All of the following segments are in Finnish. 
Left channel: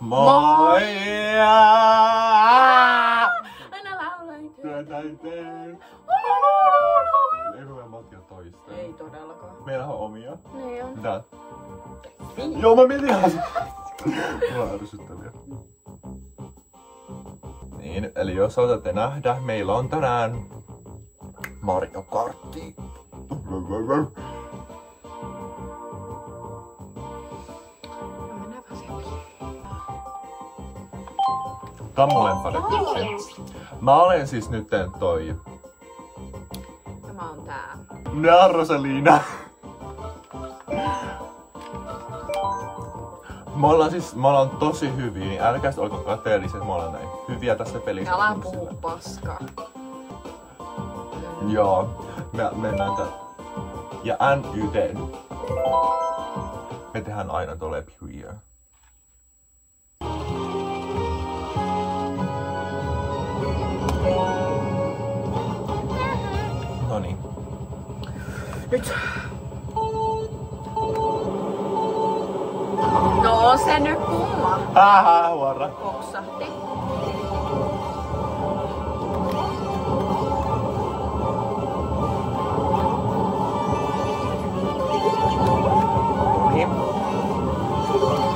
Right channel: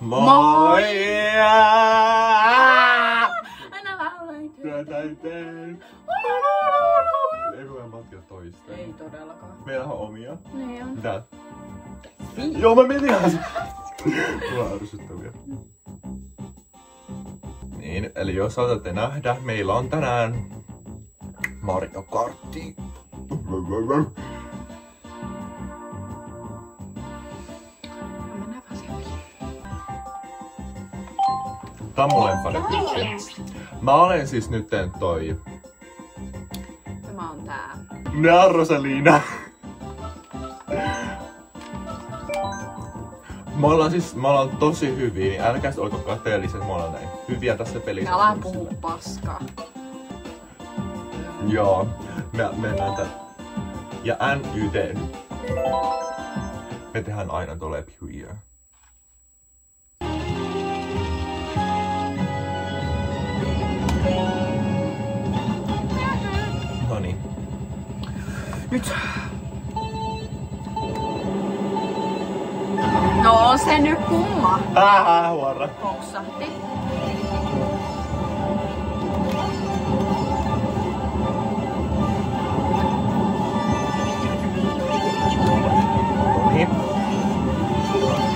Moi! Aina laulan. Ei ruveta matkia toisteen. Ei todellakaan. Meillä on omia. Niin on. Mitä? Joo, mä mietin ihan. Mulla on ärsyttäviä. Niin, eli jos saatatte nähdä, meillä on tänään Mario Kartti. Tää on mun lempparityyppi. Mä olen siis nytten toi... Tämä on tää. Nää on Rosalina. Me ollaan tosi hyviä, niin älkää olko kateelliset, me ollaan näin hyviä tässä pelissä. Älä puhu paskaa. Joo, me mennään tää. Ja NYT. Me tehdään aina tolle here. Noniin. Nyt. No se nyt kumma. Huora. Poksahti. Noniin.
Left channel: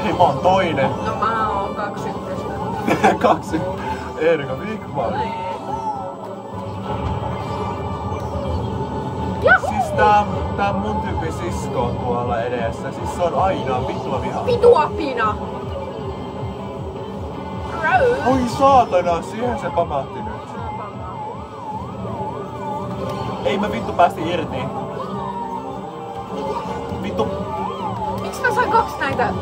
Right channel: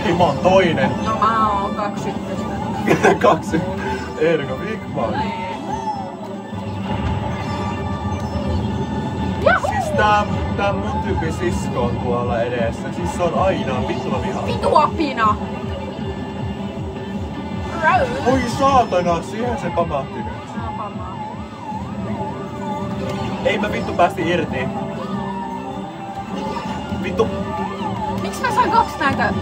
Hei, mä oon toinen. No mä oon 2 ykköstä. 2. Erika Wigman. Siis tää mun tyyppi sisko on tuolla edessä. Siis se on aina vittua vihaa. Vituapina! Oi saatana, siihen se pamahti nyt. Ei mä vittu päästi irti. Vittu. Miksi mä sain 2 näitä?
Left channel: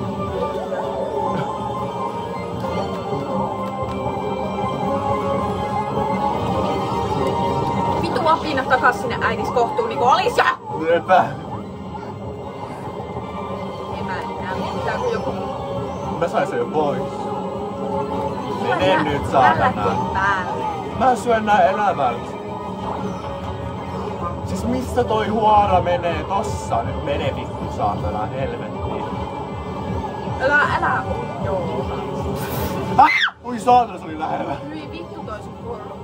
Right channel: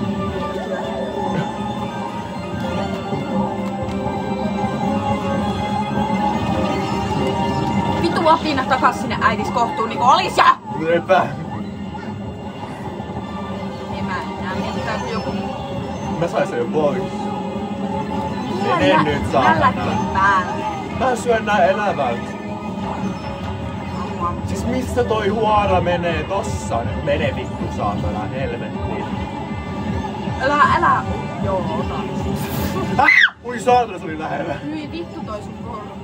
Vitu apina takas sinne äidis kohtuun niinku olis ja! Epä. En mä enää mitään kun joku... Mä sain sen jo pois. Mulla Mene nyt saatana. päälle. Mä syön nää elävät. Siis missä toi huora menee tossa? Nyt mene vittu saatana helvettiin. Älä. Joo, otan. Ui saatana, se oli lähellä. Hyi vittu toi sun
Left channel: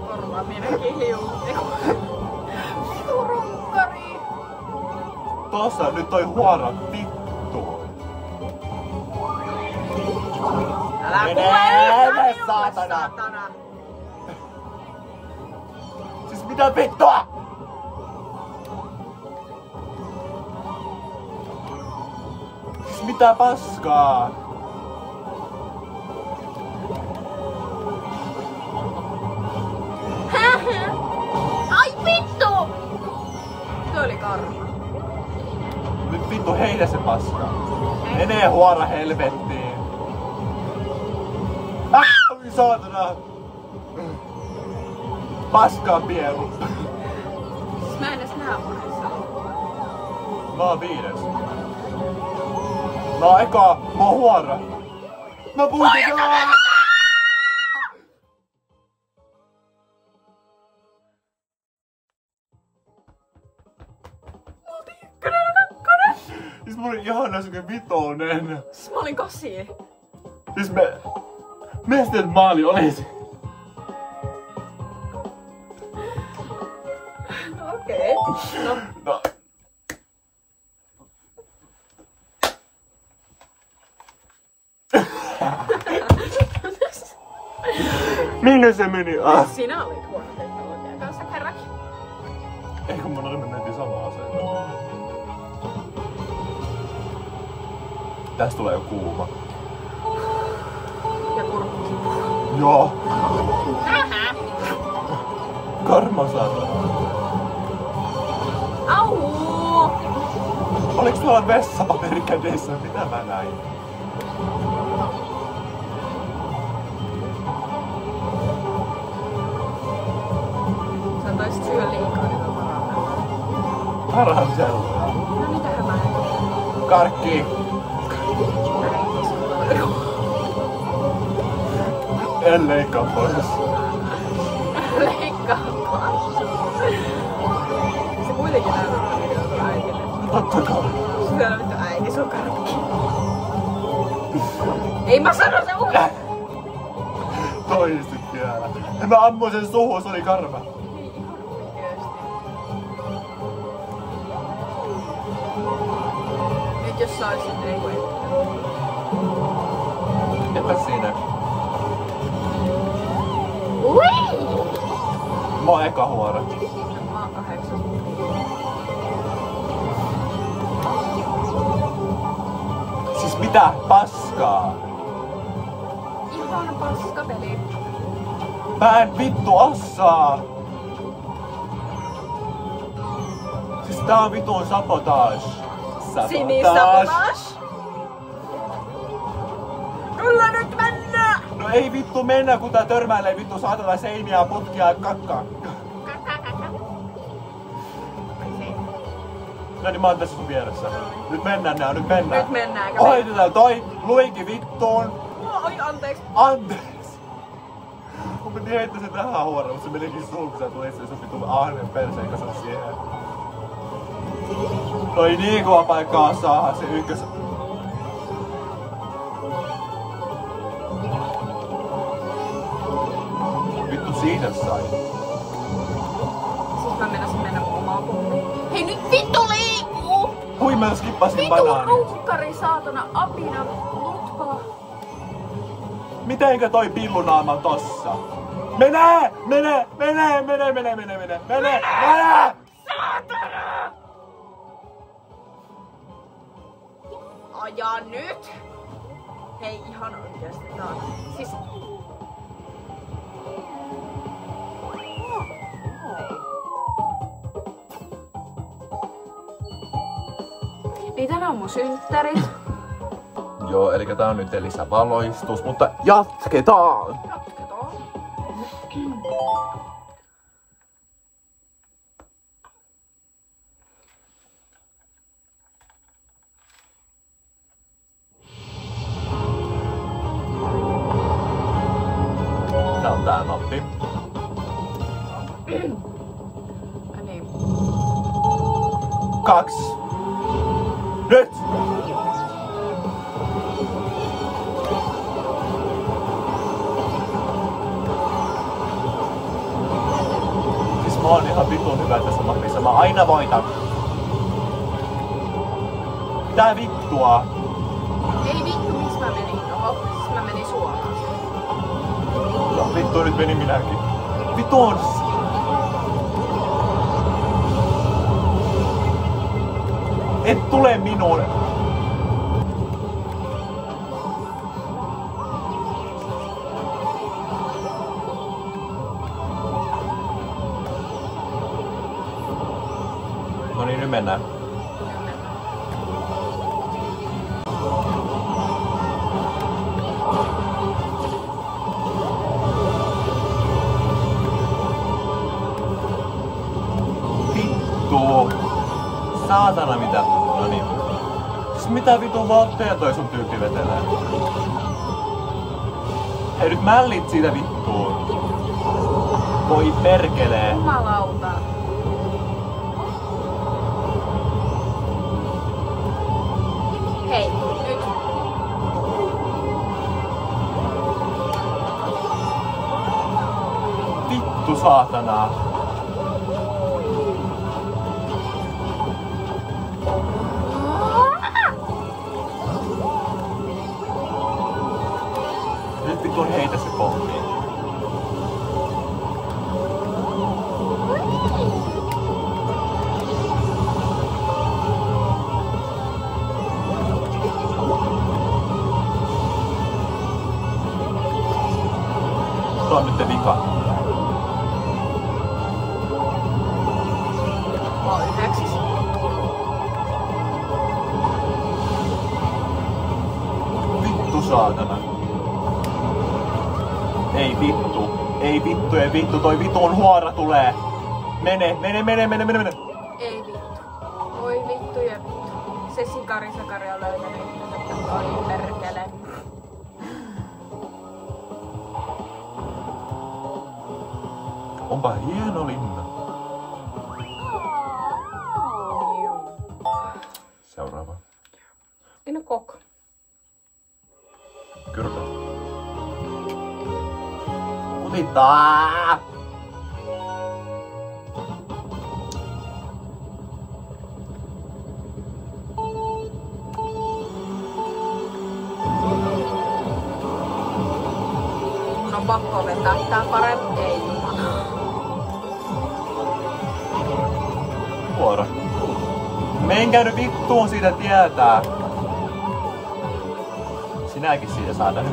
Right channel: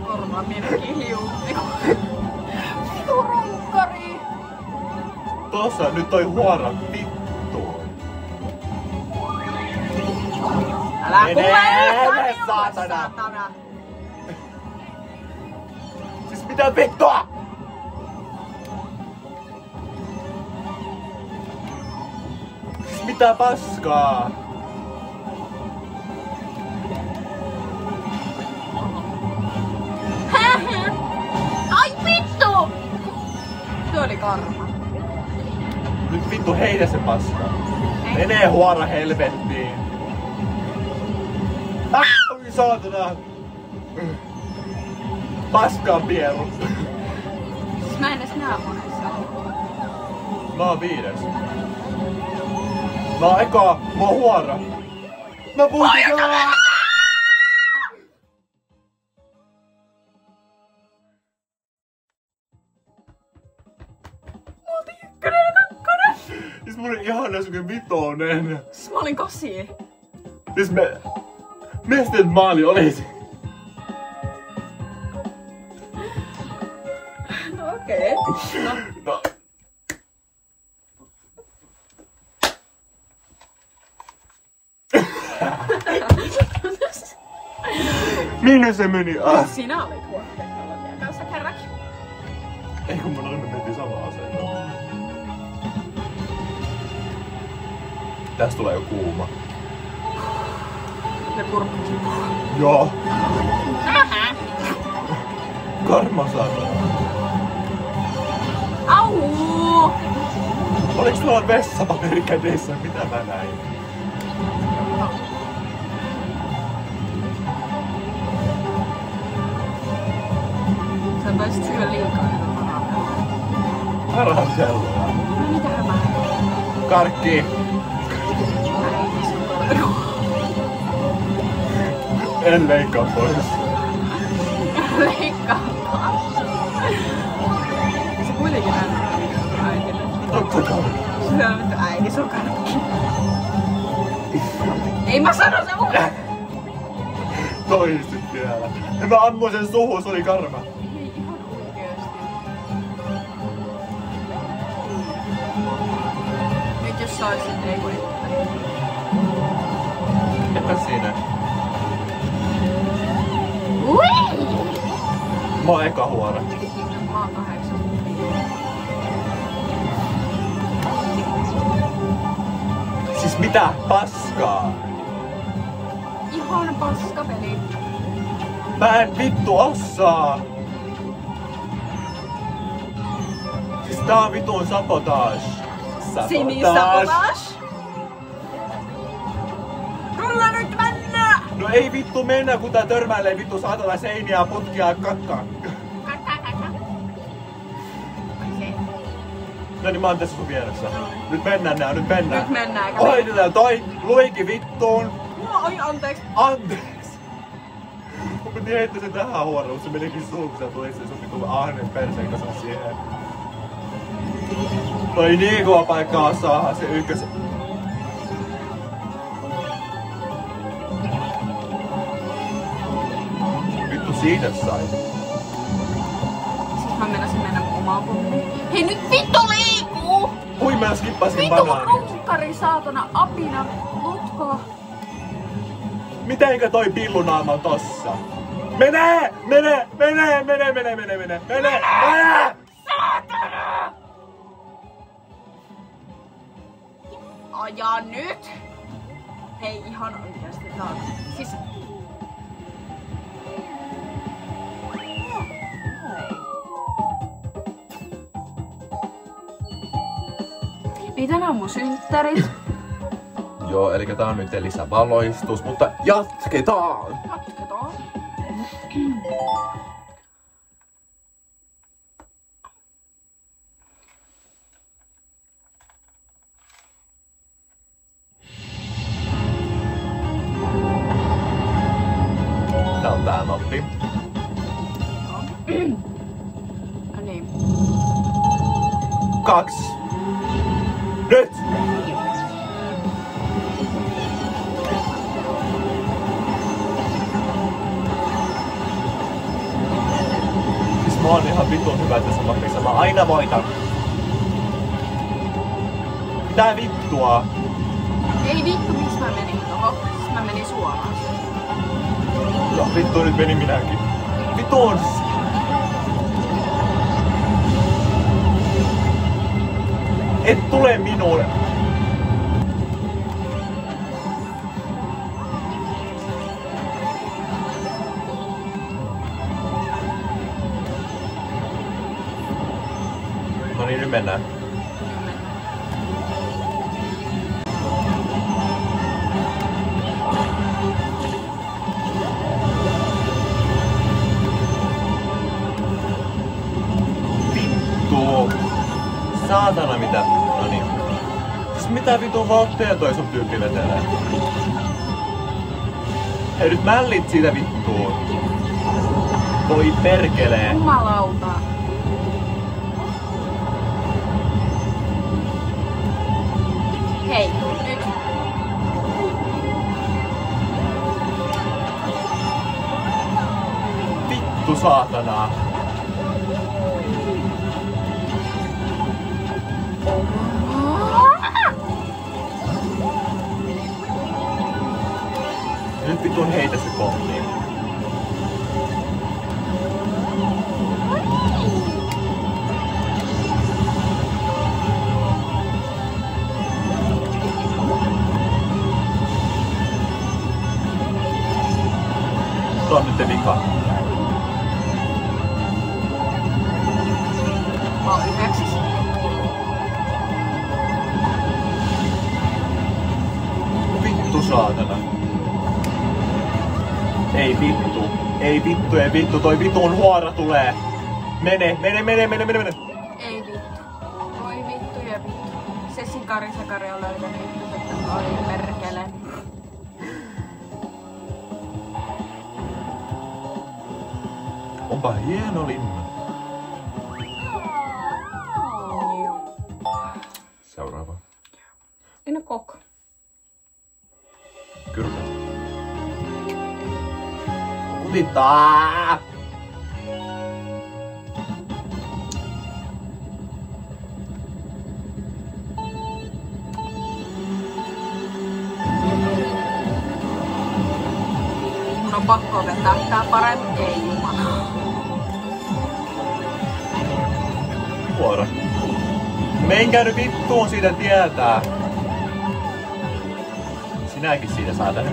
korva meni kiljuun. Vittu runkkari. Tossa nyt toi huora vittuun. Älä kuule! Mene saatana. Siis mitä vittua? Siis mitä paskaa? Ai vittu! Se oli karma. Nyt vittu heitä se paska. Menee huora helvettiin. Oi saatana. Paskaa pieru. Mä en edes nää monessa oo. Mä oon 5. Mä oon eka. Mä oon huora. Mä puhutin. Siis mä olin ihana semmonen vitonen. Siis mä olin 8. Siis me sitten maali olisi. Okei. No. Minne se meni? Sinä olit huono teknologian kanssa kerrankin. Ei kun me mentiin samaa aseita. Tästä tulee jo kuuma. Ja kurkkukin. Joo. Karma saatana. Au! Oliks tuolla vessapaperi kädessä? Mitä mä näin? Sä taisit syö liikaa niitä karamelleja. Karamelloja. No mitähän mä en? Karkki. Äiti, se on karamelleja. En leikkaa pois. Leikkaa pois. Se kuitenkin näyttää videota äitille. No totta kai. Se on äiti, se on karkki. Ei mä sano se uudestaan! Toistit vielä. Mä ammuin sen suuhun, se oli karma. Ei ihan oikeesti. Nyt jos saisit, ei voi yhtään. Enpä siinä. Ui! Mä oon eka huora. Mä oon 8. Siis mitä paskaa? Ihan paskapeli. Mä en vittu osaa. Siis tää on vitun sabotage. Sinisabotage. Rulla nyt mennä! No ei vittu mennä, kun tää törmäilee vittu saatana seiniä ja potkia kakkaa. No niin, mä oon tässä sun vieressä. Nyt mennään nää, nyt mennään. Nyt mennään. Hoidetaan toi luiki vittuun. Oi, anteeksi. Anteeksi. Mun piti heittää sen tähän huoraan, mutta se menikin suun, kun sä tuli se sun vittu ahnen perseen kanssa siihen. Toi niin kova paikkaa saada se ykkös. Vittu siitä sai. Siis mä menisin mennä omaan pommiin. Hei nyt vittu liikuu! Hui mä skippasin Vittu banaani. runkari, saatana, apina, lutka. Mitenkö toi pillunaama on tossa? Mene! Mene! Mene! Mene! Mene! Mene! Mene! Mene! Mene! Saatana! Aja nyt! Hei ihan oikeesti taas. Siis... Niin tänään on mun synttärit. Joo, eli tää on nyt lisävaloistus, mutta jatketaan! Jatketaan. Tää on tää mappi. Niin. 2. Nyt! Siis mä oon ihan vitun hyvä tässä mapissa, mä aina voitan. Mitä vittua? Ei vittu, miksi mä menin tohon? Siis mä menin suoraan. No vittu, nyt meni minäkin. Vittu on siis... Et tule minulle! No niin, nyt mennään. Vittu! Saatana mitä? No niin. Siis mitä vitun votteja toi sun tyyppi vetelee? Hei nyt mällit siitä vittuun. Voi perkelee. Jumalauta. Hei, nyt. Vittu saatana. Nyt vitun heitä se pommi. Tuo on nyt vika. Mä oon 9. Vittu saatana. Ei vittu. Ei vittu, ei vittu. Toi vitun huora tulee. Mene, mene, mene, mene, mene, mene. Ei vittu. Voi vittu ja vittu. Se sikari on löytänyt ykkösettä. Oi perkele. Onpa hieno linna. Seuraava. Minä koko. Kyrpä. Kutittaa! Mun on pakko opettaa tää paremmin. Ei jumala. Vuoro. Menkää nyt vittuun siitä tietää. Sinäkin siitä saatana.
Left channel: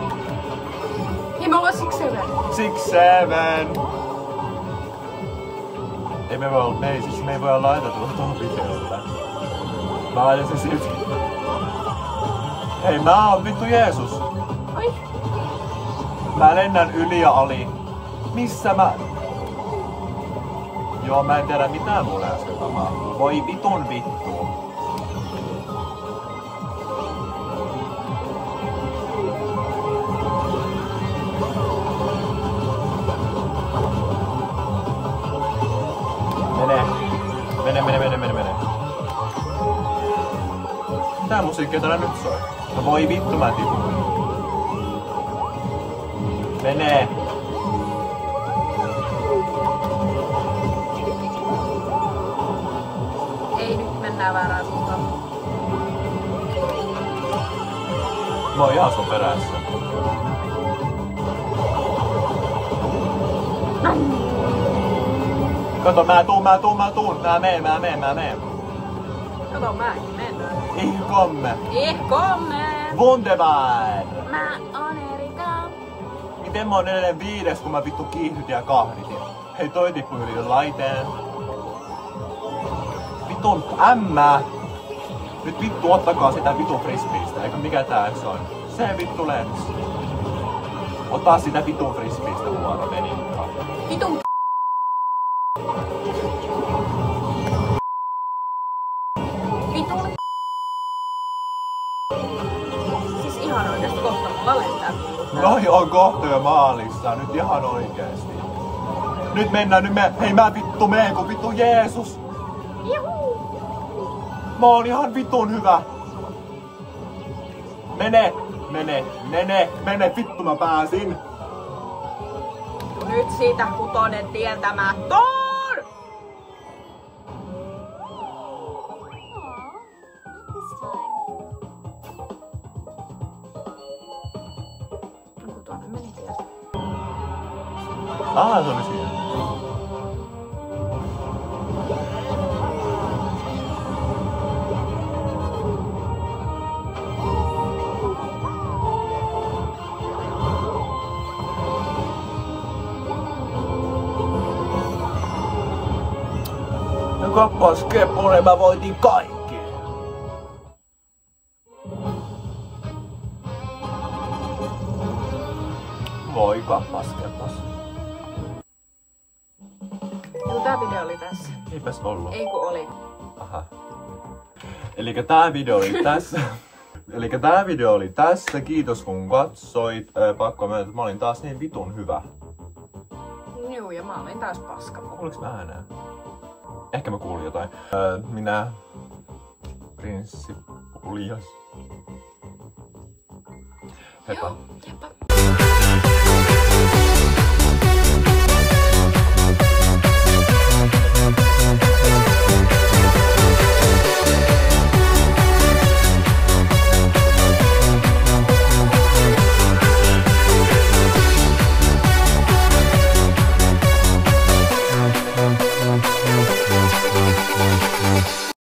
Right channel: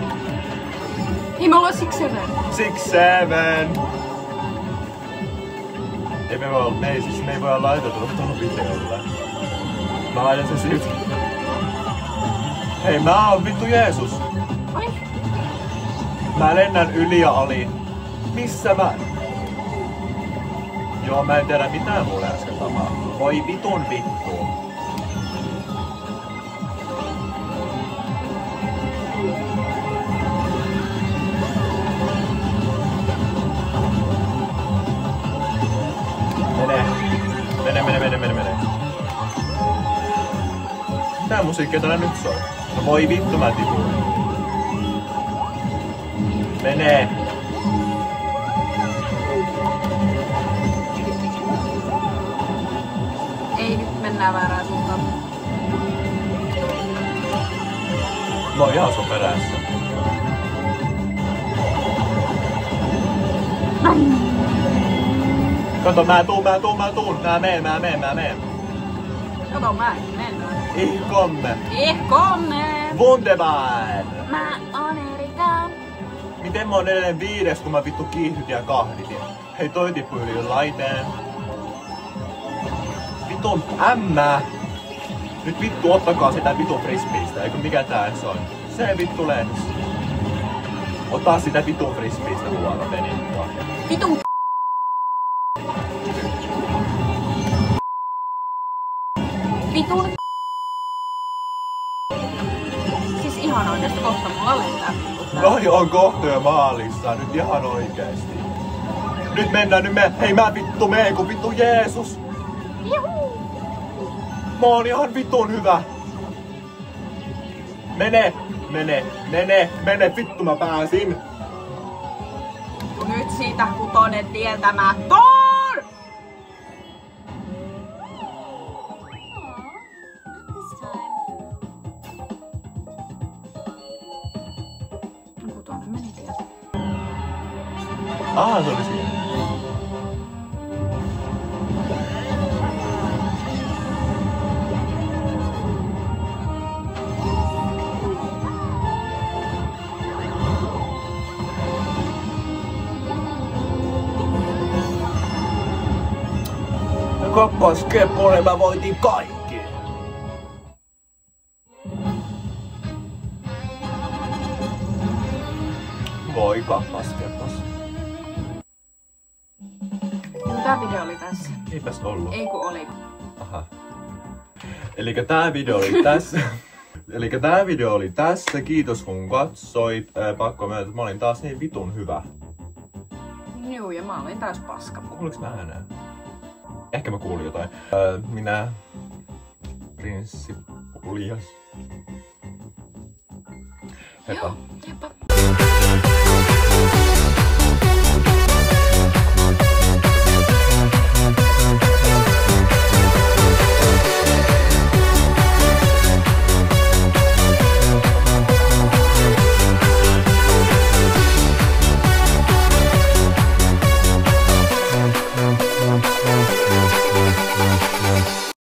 Hei, mä ollaan 6-7. 6-7. Me ei voi laittaa tuohon videolle. Mä laitan sen silti. Hei, mä oon vittu Jeesus. Ai? Mä lennän yli ja ali. Missä mä... Joo, mä en tiedä mitään mulle äsken tapahtui. Voi vitun vittu. Mene. Mitä musiikkia täällä nyt soi? No voi vittu, mä tipuin. Mene. Ei, nyt mennään väärään suuntaan. Mä oon ihan sun perässä. Kato, mä tuun. Mä meen. Kato, mä menen. Ich komme. Wunderbar. Mä oon Erika. Miten mä oon edelleen 5, kun mä vittu kiihdytin ja kahditin? Hei, toi tippui yli laiteen. Vitun ämmää. Nyt vittu ottakaa sitä vitun frisbeestä, eikö mikä tää se on? Se vittu lens. Ota sitä vitun frisbeestä huono venikkaa. Vitun Siis ihan oikeesti kohta mulla lentää vittu tää. Noi on kohta jo maalissa, nyt ihan oikeesti. Nyt mennään, hei mä vittu meen kun vittu Jeesus. Juhu. Mä oon ihan vitun hyvä. Mene, vittu mä pääsin. Nyt siitä 6 tieltä mä tuun! No 6 meni tieltä. Se oli siinä. Kappas Kepponen, mä voitin kaikki! Voi kappas Keppas. No tää video oli tässä. Eipäs ollut. Ei kun oli. Aha. Elikkä tää video oli tässä. Kiitos kun katsoit. Pakko myöntää, että mä olin taas niin vitun hyvä. Juu, ja mä olin täys paska. Kuuliks mä ääneen? Ehkä mä kuulin jotain. Minä... Prinssi Ulias. Heippa. Heippa.